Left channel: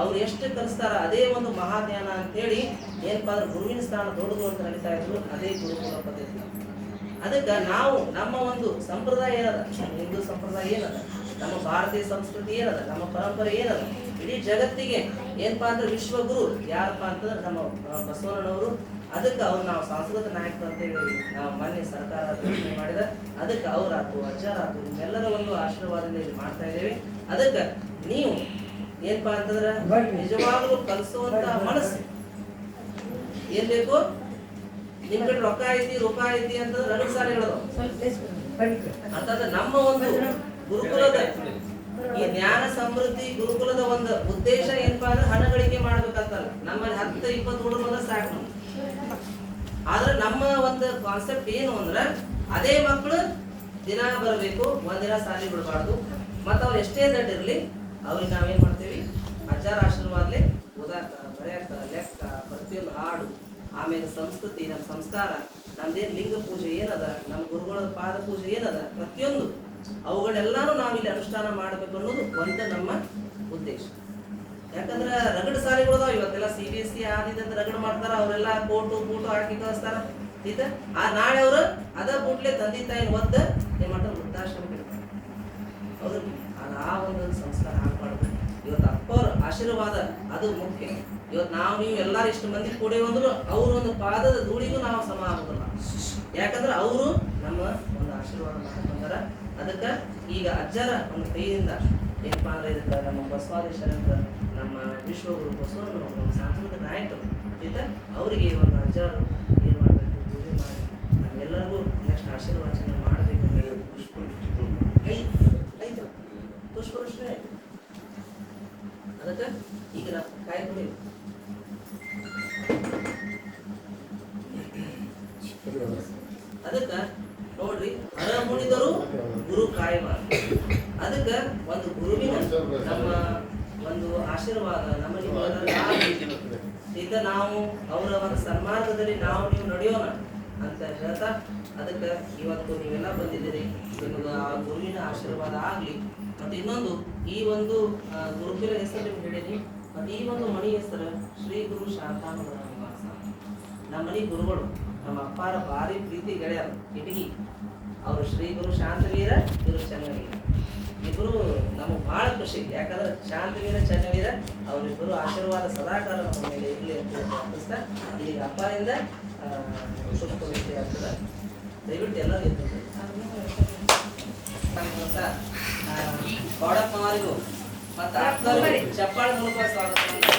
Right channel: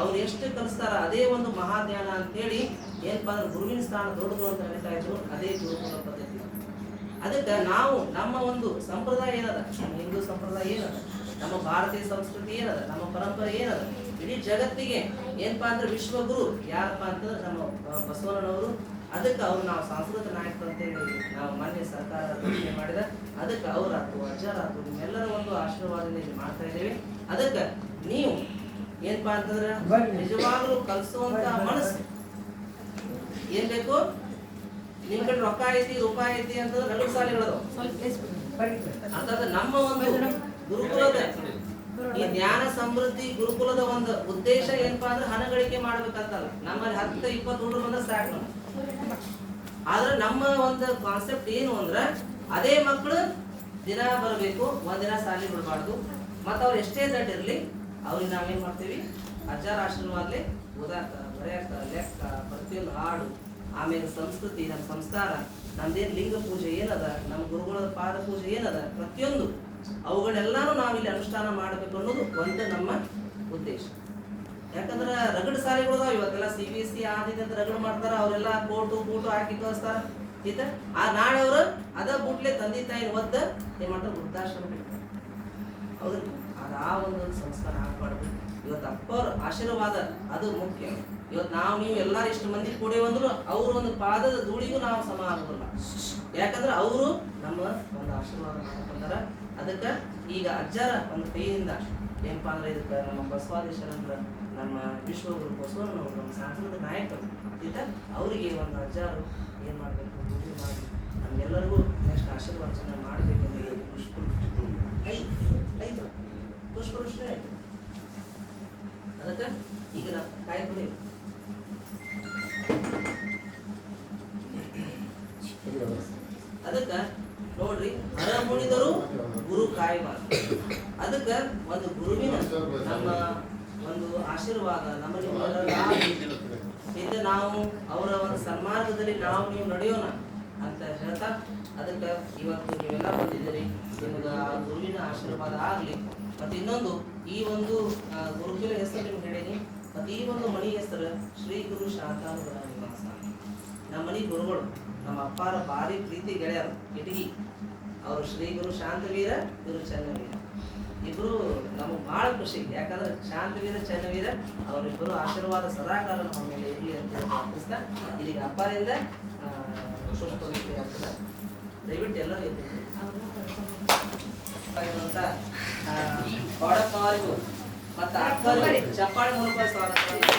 ಅವ್ರು ಎಷ್ಟು ಕಲಿಸ್ತಾರ ಅದೇ ಒಂದು ಮಹಾಜ್ಞಾನ ಅಂತ ಹೇಳಿ ಏನಪ್ಪಾ ಅಂದ್ರೆ ಗುರುವಿನ ಸ್ಥಾನ ದೊಡ್ಡದು ಅಂತ ನಡೀತಾ ಇದ್ರು, ಅದೇ ಗುರುಕುಲ ಪದ್ಧತಿ. ಅದಕ್ಕೆ ನಾವು ನಮ್ಮ ಒಂದು ಸಂಪ್ರದಾಯ ಏನದ? ನಮ್ಮ ಹಿಂದೂ ಸಂಪ್ರದಾಯ ಏನದ? ನಮ್ಮ ಭಾರತೀಯ ಸಂಸ್ಕೃತಿ ಏನದ? ನಮ್ಮ ಪರಂಪರೆ ಏನದ? ಇಡೀ ಜಗತ್ತಿಗೆ ಏನಪ್ಪಾ ಅಂದ್ರೆ ವಿಶ್ವಗುರು ಯಾರಪ್ಪ ಅಂತಂದ್ರೆ ನಮ್ಮ ಬಸವಣ್ಣನವರು. ಅದಕ್ಕೆ ಅವ್ರು ನಾವು ಸಾಂಸ್ಕೃತಿಕ ನಾಯಕರು ಅಂತ ಹೇಳಿ ನಾವು ಮೊನ್ನೆ ಸರ್ಕಾರ ಘೋಷಣೆ ಮಾಡಿದ. ಅದಕ್ಕೆ ಅವರಾತು, ಅಜ್ಜರಾತು, ನಿಮ್ಮೆಲ್ಲರ ಒಂದು ಆಶೀರ್ವಾದದಲ್ಲಿ ಮಾಡ್ತಾ ಇದ್ದೇವೆ. ಅದಕ್ಕೆ ನೀವು ಏನಪ್ಪಾ ಅಂತಂದ್ರ ನಿಜವಾಗ್ಲು ಕಲಿಸುವಂತ ಮನಸ್ಸು. ಏನ್ ಬೇಕು? ನಿಮ್ ಕಡೆ ರೊಕ್ಕ ಐತಿ ರೂಪಾಯಿ ಐತಿ ಅಂತಂದ್ರೆ ರಗಡ್ ಸಾಲಿಗಳದು ಅಂತಂದ್ರೆ ನಮ್ಮ ಒಂದು ಗುರುಕುಲದ ಈ ಜ್ಞಾನ ಸಮೃದ್ಧಿ ಗುರುಕುಲದ ಒಂದು ಉದ್ದೇಶ ಏನಪ್ಪಾ ಅಂದ್ರೆ ಹಣ ಗಳಿಕೆ ಮಾಡ್ಬೇಕಂತಲ್ಲ. ನಮ್ಮಲ್ಲಿ ಹತ್ತು ಇಪ್ಪತ್ತು ಹುಡುಗರು ಬಂದ್ರೆ ಸಾಕು ನಮ್ಗೆ. ಆದ್ರೆ ನಮ್ಮ ಒಂದು ಕಾನ್ಸೆಪ್ಟ್ ಏನು ಅಂದ್ರೆ ಅದೇ ಮಕ್ಕಳು ದಿನ ಬರಬೇಕು ಒಂದಿನ ಸಾಲಿ ಬಿಡಬಾರ್ದು. ಮತ್ತು ಅವ್ರು ಎಷ್ಟೇ ದಡ್ಡ ಇರಲಿ ಅವ್ರಿಗೆ ನಾವೇನು ಮಾಡ್ತೀವಿ? ಅಜ್ಜಾರ ಆಶೀರ್ವಾದಲೇ ಓದಾಡ್ತಾರ, ಬರೆಯಾಡ್ತಾರ, ಲೆಕ್ಕ, ಪ್ರತಿಯೊಂದು ಹಾಡು, ಆಮೇಲೆ ಸಂಸ್ಕೃತಿ ನಮ್ಮ ಸಂಸ್ಕಾರ ನಮ್ದೇನು ಲಿಂಗ ಪೂಜೆ ಏನದ ನಮ್ಮ ಗುರುಗಳ ಪಾದ ಪೂಜೆ ಏನದ, ಪ್ರತಿಯೊಂದು ಅವುಗಳೆಲ್ಲಾನು ನಾವಿಲ್ಲಿ ಅನುಷ್ಠಾನ ಮಾಡಬೇಕು ಅನ್ನೋದು ಒಂದು ನಮ್ಮ ಉದ್ದೇಶ. ಯಾಕಂದ್ರೆ ರಗಡ್ ಸಾಲಿಗಳು ಅದಾವ ಇವತ್ತೆಲ್ಲ ಸಿ ಬಿ ಎಸ್ ಸಿ ಆದಿದಂತ ರಗಡ್ ಮಾಡ್ತಾರ, ಅವರೆಲ್ಲ ಕೋಟು ಬೂಟು ಹಾಕಿ ಕಳಿಸ್ತಾರ ಆಯ್ತಾ ಆ ನಾಳೆ ಅವರು ಅದ ಬೂಟ್ಲೆ ತಂದೆ ತಾಯಿನ ಒದ್ದ ಏನ್ ಮಾಡ್ತಾರೆ ವೃದ್ಧಾಶ್ರಮ ಹೌದು ಆ ಒಂದು ಸಂಸ್ಕಾರ ಆಗಬಾರ್ದು. ಇವತ್ತು ಅಪ್ಪವ್ರ ಆಶೀರ್ವಾದ ಅದು ಮುಖ್ಯ. ಇವತ್ತು ನಾವು ನೀವು ಎಲ್ಲರೂ ಇಷ್ಟು ಮಂದಿ ಕೂಡಿ ಅಂದ್ರು ಅವ್ರ ಒಂದು ಪಾದದ ಧೂಳಿಗೂ ನಾವು ಸಮ ಆಗೋದಿಲ್ಲ. ಯಾಕಂದ್ರೆ ಅವರು ನಮ್ಮ ಒಂದು ಆಶೀರ್ವಾದ ಮಾಡ್ಕೊಂಡಾರ. ಅದಕ್ಕೆ ಈಗ ಅಜ್ಜರ ಒಂದು ಕೈಯಿಂದ ಏನಪ್ಪಾ ಅಂದ್ರೆ ಇದಕ್ಕೆ ನಮ್ಮ ಬಸವಾದೀಶ್ವರ ನಮ್ಮ ವಿಶ್ವಗುರು ಬಸವನ ನಮ್ಮ ಸಾಂಸ್ಕೃತಿಕ ನಾಯಕರು ಅವರಿಗೆ ಒಂದು ಅಜ್ಜರು ಏನು ಅದಕ್ಕೆ ಈಗ ಕಾಯಿ ಅದಕ್ಕ ನೋಡ್ರಿ, ಹರ ಮುನಿದರು ಗುರು ಕಾಯುವ ಅದಕ್ಕ ಒಂದು ಗುರುವಿನ ನಮ್ಮ ಒಂದು ಆಶೀರ್ವಾದ ನಮಗೆ ಈಗ ನಾವು ಅವರ ಒಂದು ಸನ್ಮಾರ್ಗದಲ್ಲಿ ನಾವು ನೀವು ನಡೆಯೋಣ ಅಂತ ಹೇಳ್ತಾ ಅದಕ್ಕೆ ಇವತ್ತು ನೀವೆಲ್ಲ ಬಂದಿದ್ದೀರಿ. ನಿಮಗೆ ಆ ಗುರುವಿನ ಆಶೀರ್ವಾದ ಆಗಲಿ. ಮತ್ತು ಇನ್ನೊಂದು ಈ ಒಂದು ಗುರುಗಳ ಗುರುಕುಲ ಹೆಸರು ನಿಮ್ಗೆ ಹೇಳೀನಿ. ಮತ್ತು ಈ ಒಂದು ಮಣಿ ಹೆಸರು ಶ್ರೀ ಗುರು ಶಾಂತಾನುಗ್ರಹ ನಿವಾಸ. ನಮ್ಮ ಮನೆ ಗುರುಗಳು ನಮ್ಮ ಅಪ್ಪಾರ ಭಾರಿ ಪ್ರೀತಿ ಗೆಳೆಯರು ಇಟಗಿ ಅವರು ಶ್ರೀ ಗುರು ಶಾಂತವೀರ ಗುರು ಚನ್ನವೀರ. ಇಬ್ಬರು ನಮಗೆ ಭಾಳ ಖುಷಿ. ಯಾಕಂದ್ರೆ ಶಾಂತವೀರ ಚನ್ನವೀರ ಅವರಿಬ್ಬರು ಆಶೀರ್ವಾದ ಸದಾಕಾಲ ನಮ್ಮ ಮೇಲೆ ಇರಲಿ ಅಂತ ಹೇಳಿ ಪ್ರಾರ್ಥಿಸ್ತಾ ಇಲ್ಲಿ ಅಪ್ಪನಿಂದ ಆಗ್ತದೆ. ದಯವಿಟ್ಟು ಎಲ್ಲರೂ ಎದ್ದು. ಅಂತ కొడ మార్గు. మా తాత్కాలు చెప్పాలి మునుపు స్వాగతం